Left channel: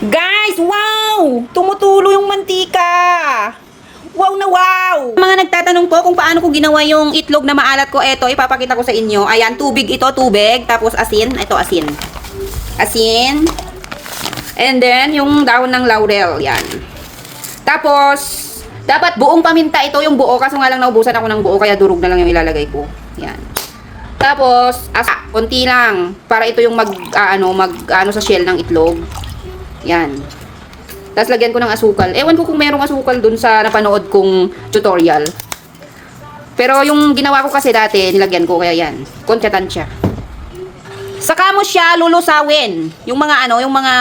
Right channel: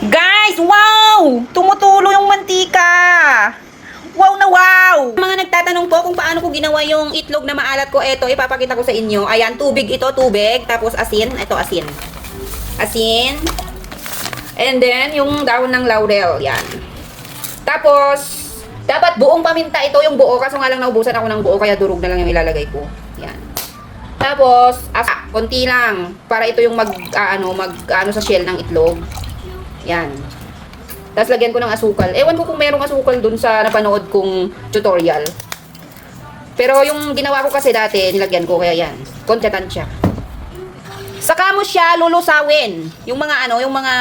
Guys, wow! Tumutulo yung mantika! Wow na wow! Mga nagtatanong po kung paano ko ginawa yung itlog na maalat ko, eto, ipapakita ko sa inyo. Ayan, tubig ito, tubig. Tapos asin, ito asin. Asin. And then, yung dahon ng laurel, yan. Tapos, dapat buong paminta ito, yung buo. Kaso nga lang naubusan ako ng buo, kaya durog na lang yung ilalagay ko. Yan. Tapos, konti lang. Para ito yung mag sa shell ng itlog. Yan. Tapos lagyan ko ng asukal. Ewan ko kung merong asukal dun sa napanood kong tutorial. Pero yung ginawa ko kasi dati, nilagyan ko, kaya yan. Kontsya-tansya. Saka mo siya lulusawin. Yung mga yung mga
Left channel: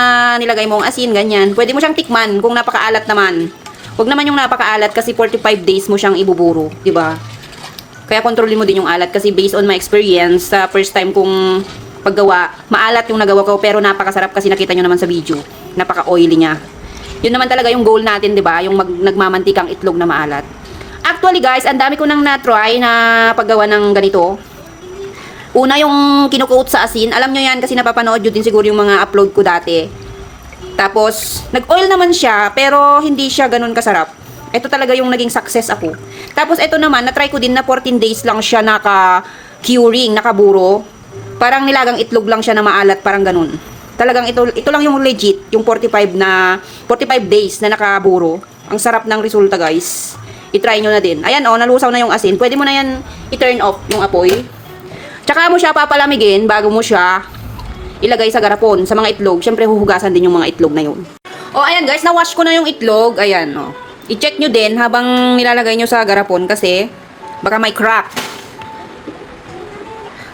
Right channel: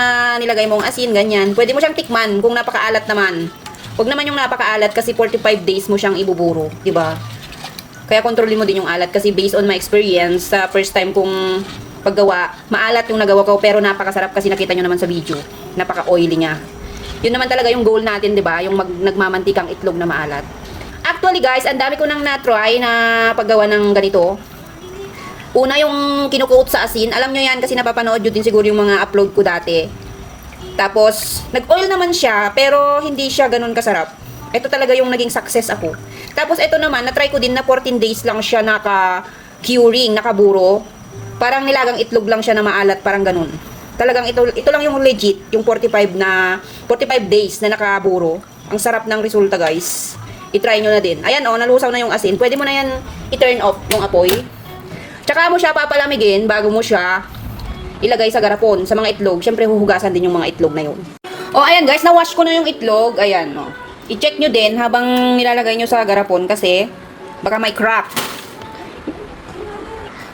nilagay mong asin, ganyan. Pwede mo siyang tikman kung napakaalat naman. Huwag naman yung napakaalat kasi 45 days mo siyang ibuburo, 'di ba? Kaya kontrolin mo din yung alat kasi based on my experience, sa first time kong paggawa, maalat yung nagawa ko pero napakasarap kasi nakita nyo naman sa video. Napaka-oily niya. Yun naman talaga yung goal natin, 'di ba? Yung nagmamantikang itlog na maalat. Actually, guys, ang dami ko nang na-try na paggawa ng ganito. Una yung kinukoat sa asin. Alam nyo yan kasi napapanood nyo din siguro yung mga upload ko dati. Tapos, nag-oil naman siya, pero hindi siya ganun kasarap. Ito talaga yung naging success ako. Tapos, ito naman, na-try ko din na 14 days lang siya naka-curing, nakaburo. Parang nilagang itlog lang siya na maalat, parang ganun. Talagang ito lang yung legit, yung 45 days na nakaburo. Ang sarap ng resulta, guys. I-try nyo na din. Ayan, nalusaw na yung asin. Pwede mo na yan i-turn off yung apoy. Tsaka mo siya papalamigin bago mo siya ilagay sa garapon, sa mga itlog. Siyempre, huhugasan din yung mga itlog na yun. O, ayan guys, na-wash ko na yung itlog. Ayan, o. I-check nyo din habang nilalagay nyo sa garapon kasi baka may crack.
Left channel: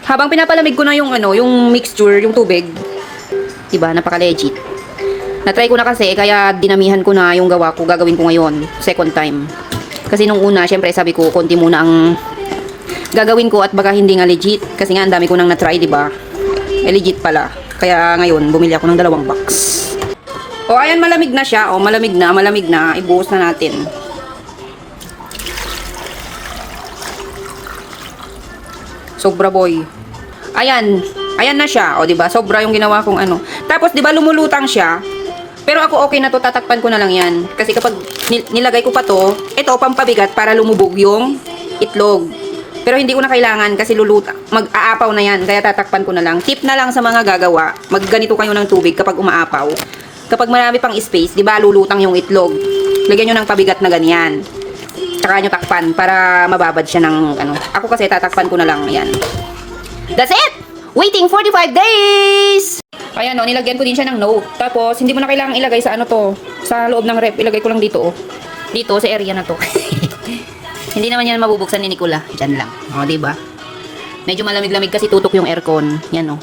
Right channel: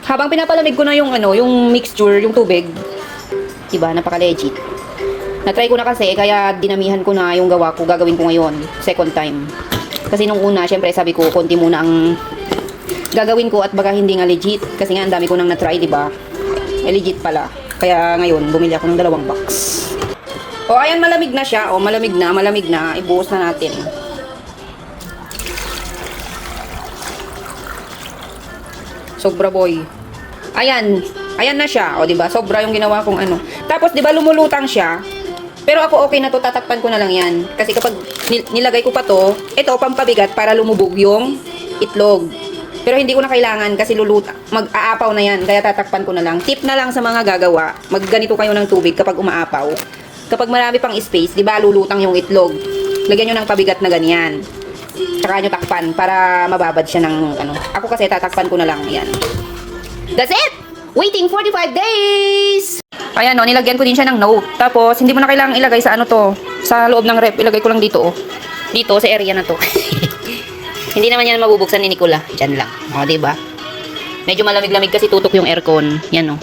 Habang pinapalamig ko na yung yung mixture, yung tubig. Diba, napaka-legit. Na-try ko na kasi, kaya dinamihan ko na yung gawa ko. Gagawin ko ngayon, second time. Kasi nung una, syempre, sabi ko, konti muna ang gagawin ko at baka hindi nga legit. Kasi nga, ang dami ko nang na-try, diba? Legit pala. Kaya ngayon, bumili ako ng 2 box. O, ayan, malamig na siya. O, malamig na. Ibuhos na natin. Sobra, boy. Ayan. Ayan na siya. O, diba? Sobra yung ginawa kong Tapos, diba, lumulutang siya. Pero ako, okay na to. Tatakpan ko na lang yan. Kasi kapag nilagay ko pa to, ito, pampabigat para lumubog yung itlog. Pero hindi ko na kailangan kasi mag-aapaw na yan. Kaya tatakpan ko na lang. Tip na lang sa mga gagawa. Magganito kayo ng tubig kapag umaapaw. Kapag marami pang space, di ba lulutang yung itlog. Lagyan nyo ng pabigat na ganyan. Tsaka nyo takpan para mababad siya ng Ako kasi tatakpan ko na lang. Yan. That's it! Waiting 45 days! Ayan nilagyan ko din siya ng note. Tapos, hindi mo na kailangang ilagay sa sa loob ng rep. Ilagay ko lang dito Dito sa area na to. Hindi naman yan mabubuksan ni Nicola. Diyan lang. O, diba? Medyo malamig-lamig kasi tutok yung aircon. Yan,